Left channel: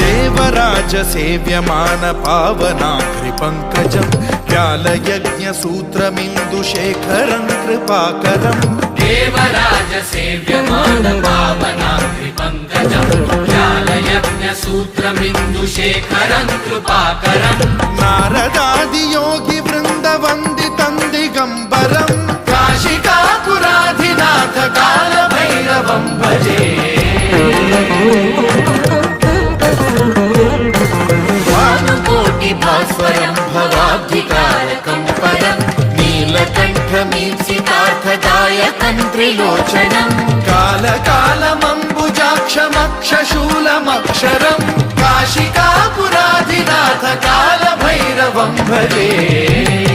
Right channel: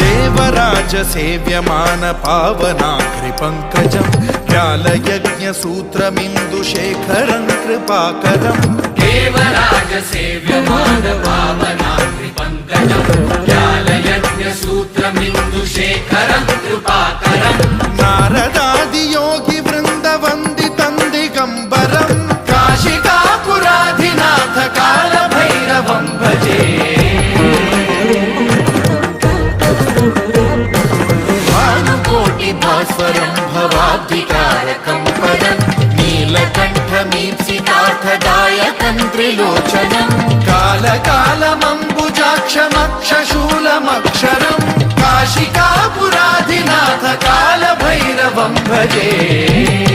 देवराज सेव्यमान पावनाग्रिपङ्कजं व्यालयज्ञसूत्रमिन्दुशेखरं कृपाकरं देवराज सेव्यमान पावनाग्रिपङ्कजं व्यालयज्ञसूत्रमिन्दुशेखरं कृपाकरं नारदादियोगि वृन्दवन्दितं दिगम्बरं काशिकापुराधिनाथ कालभैरवं भजे भास्वरं भवाब्धितारकं परं नीलकण्ठमीप्सितार्थदायकं त्रिलोचनं कालकालमम्बुजाक्षमक्षशूलमक्षरं काशिकापुराधिनाथ कालभैरवं भजे।